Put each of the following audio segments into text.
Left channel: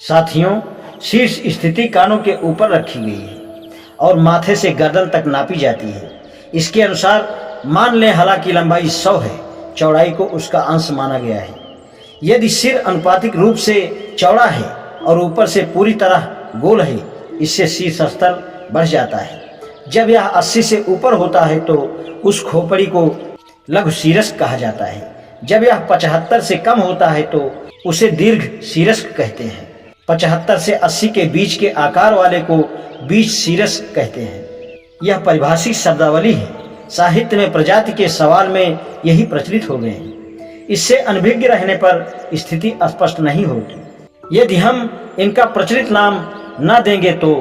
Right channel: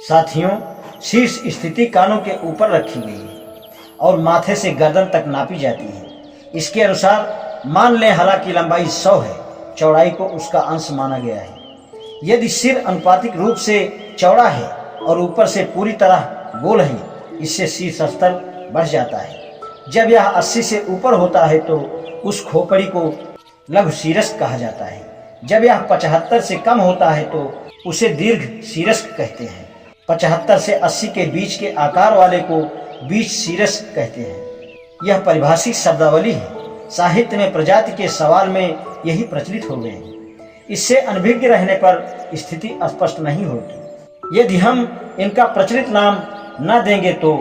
साथियों, शीर्ष स्थिति कानों के ऊपर रखी गई है और माथे से गर्दन तक नापी जाती है। इसके अनुसार मान लें हला की लंबाई 100 है, चौड़ाई को उसका अंश माना गया है। यदि सिर अनुपातिक रूप से चौड़ा है और ऊपर से पूरी तरह गोल है, इससे शीर्ष स्तर बढ़ जाता है। जब यह 80 से ऊपर होता है तो उस खोपड़ी को लघु शीर्ष कहा जाता है। जब यह 75 से कम होता है तो उसे दीर्घ शीर्ष कहते हैं। 75 से 80 के बीच के आकार वाले को बीच शीर्ष कहते हैं। यह परिभाषिक शब्दावली है। साहित्य में प्रजाति के सवाल में यही प्रचलित हो गए हैं। इससे अनभिज्ञ रहने पर स्थिति स्पष्ट नहीं होगी। यदि हम इनका प्रचलित नाम न देंगे तो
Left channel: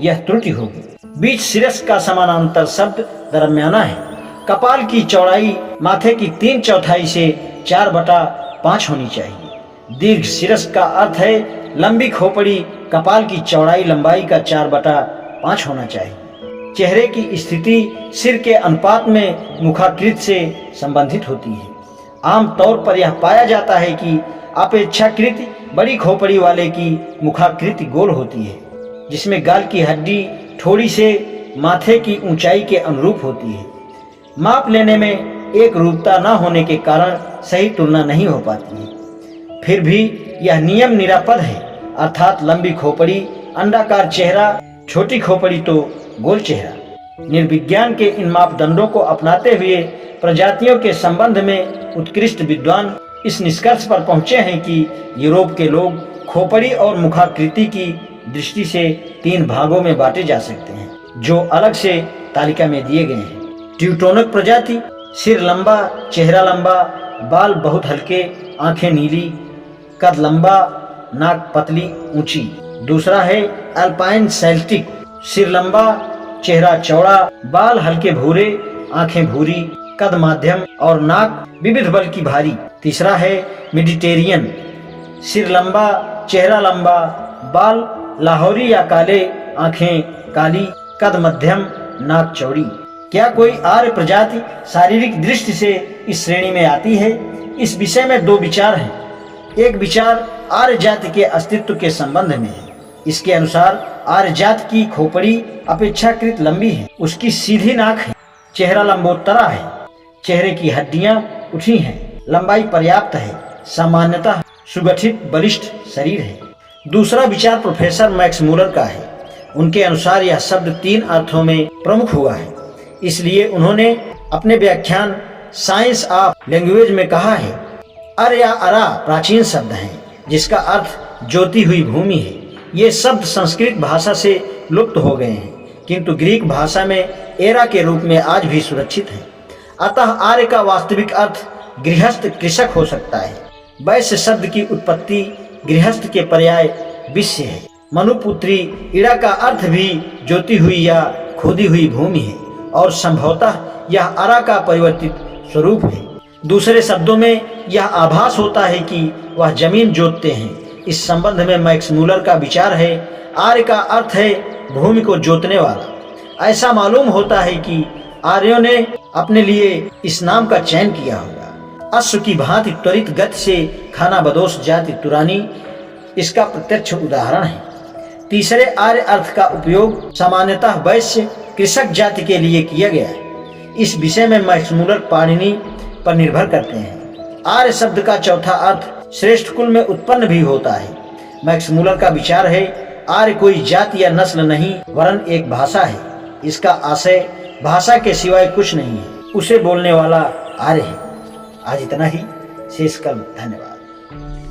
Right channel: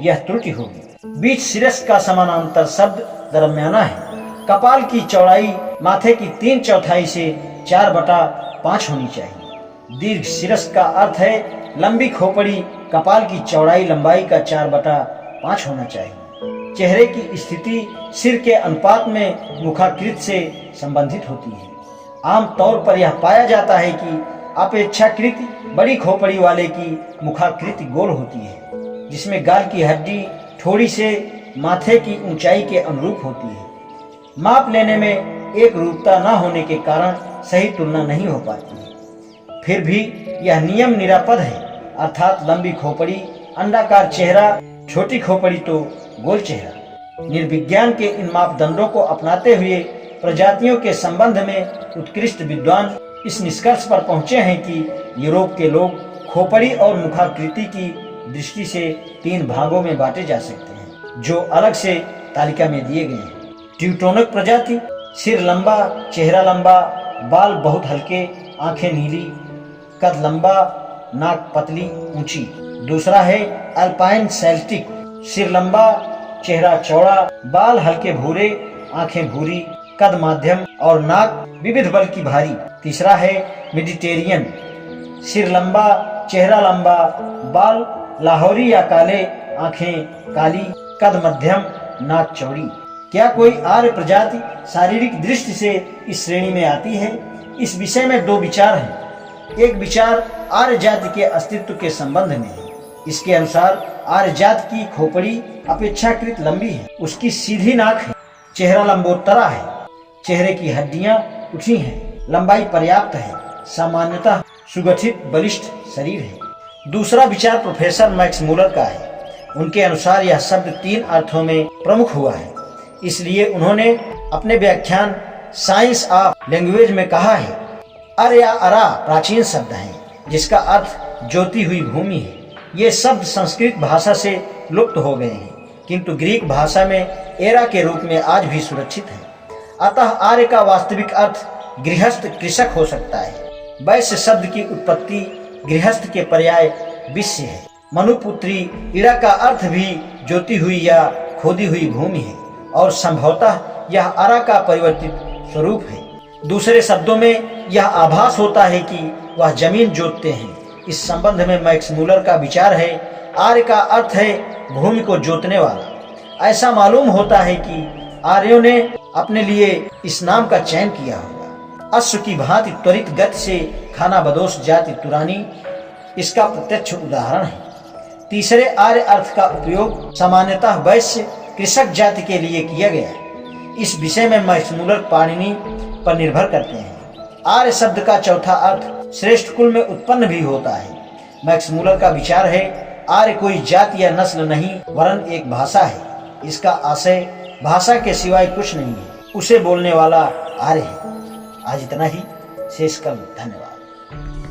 यह त्रुटि होगी। बीच शीर्ष का समानांतर शब्द दरमियाना है। कपाल की चौड़ाई माथे की 3/4 से 4/5 होनी चाहिए। दीर्घ शीर्ष का अर्थ है लंबी खोपड़ी। कपाल की चौड़ाई लंबाई का 4/5 होना चाहिए। चेहरे की स्थिति सिर के अनुपात में मुखाकृति से संबंधित होती है। आमतौर पर यह पाया जाता है कि अपेक्षाकृत बड़ी खोपड़ी वाले की मुखाकृति गोल होती है, जिसमें गाल की हड्डी थोड़ी से माथे की ऊंचाई के अनुरूप होती है। माप लेने में एक रूपता न होने के कारण सही तुलना नहीं हो पाती है। फिर भी यह नियम निरापद है, अर्थात लंबी खोपड़ी अंडाकार चेहरा, छोटी खोपड़ी तो गोल चेहरा। निर्विज्ञान के इन मापदंडों को अपनाते हुए प्रजातियों के संबंध में उत्कृष्ट विद्वान इस निष्कर्ष पर पहुंचे हैं कि यूरोप के लोग खोपड़ी और मुखाकृति की दृष्टि से 3 भागों में बांटे जा सकते हैं, जो अलग से तालिका में दिए गए हैं। ट्यूटोनिक प्रजाति, सिर लंबा, चेहरा लंबा, बाल बहुत हल्के, आंखें नीली, कद लंबा, नाक पतली ऊंची। दूसरा है अल्पाइन सेल्टिक, सिर लंबा, चेहरा चौड़ा, बाल हल्के भूरे, आंखें भूरी, कद माध्यम और नाक विविध बल की भारी। तीसरा है मेडिटेरियन, सिर लंबा, चेहरा लंबा, बाल लाहौरी या काले, आंखें काली, कद मध्यम, नाक चौड़ी। क्या कोई आर्य प्रजाति शारीरिक दृष्टि से इस श्रेणी में आती है? इस विषय में 2 विचार हैं। एक विचार आर्य जाति के अस्तित्व के संबंध में है। इसके अनुसार आर्य जाति की खोपड़ी अपेक्षाकृत लंबी है, उसकी सीधी नाक है, चेहरा लंबोत्तरा है, चेहरे की हड्डियां उठी हैं, लंबाई पर्याप्त है, सामान्यतः सुगठित बलिष्ठ शरीर है। दूसरा विचार प्रोफेसर मैक्स मूलर का है। उनके अनुसार यह शब्द 3 अर्थों में प्रमुख हुआ है, इसलिए उन्होंने अपने व्याख्यान साइंस ऑफ लैंग्वेज में कहा है, अर या अरा प्राचीन शब्द है जिसका अर्थ ज्योति हुई भूमि है। ये शब्द संस्कृत भाषा से लुप्त हो गए हैं, किंतु ग्रीक भाषा में एरा के रूप में आज भी सुरक्षित है। अतः आर्य का वास्तविक अर्थ गृहस्थ कृषक हो सकता है। वैश्य शब्द की उत्पत्ति गृहस्थ के पर्याय विश्य है। मनुपुत्री इड़ा का अर्थ भी ज्योति हुई या खोदी हुई भूमि है और संभवतः यह अरा का परिवर्तित स्वरूप है। दूसरे शब्दों में यह आभास होता है कि वह जमीन जोतते हैं। इस संबंध में मैक्स मूलर का विचार है, आर्य का अर्थ है भूमि को जोतने वाला। ऐसा मालूम होता है कि आर्यों ने अपने लिए इस नाम का चयन किया होगा। अश्व की भांति त्वरित गति से खाना बदोश जाति तुरानी इसका प्रत्यक्ष उदाहरण है। तीसरे आर्य अर्थ का उपयोग सामान्यतः वैश्य कृषक जाति के लिए किया गया है। इस विषय में मैक्स मूलर पाणिनि पर निर्भर करते हैं। आर्य शब्द का चौथा अर्थ श्रेष्ठ कुल में उत्पन्न भी होता है। मैक्स मूलर का विचार है, आर्य कोई जाति या नस्ल नहीं वरन एक भाषा है। इसका आशय भाषा के सिवाय कुछ नहीं है, उसे बोलने वाला आर्य है। आज इतना ही, शेष कल। धन्यवाद।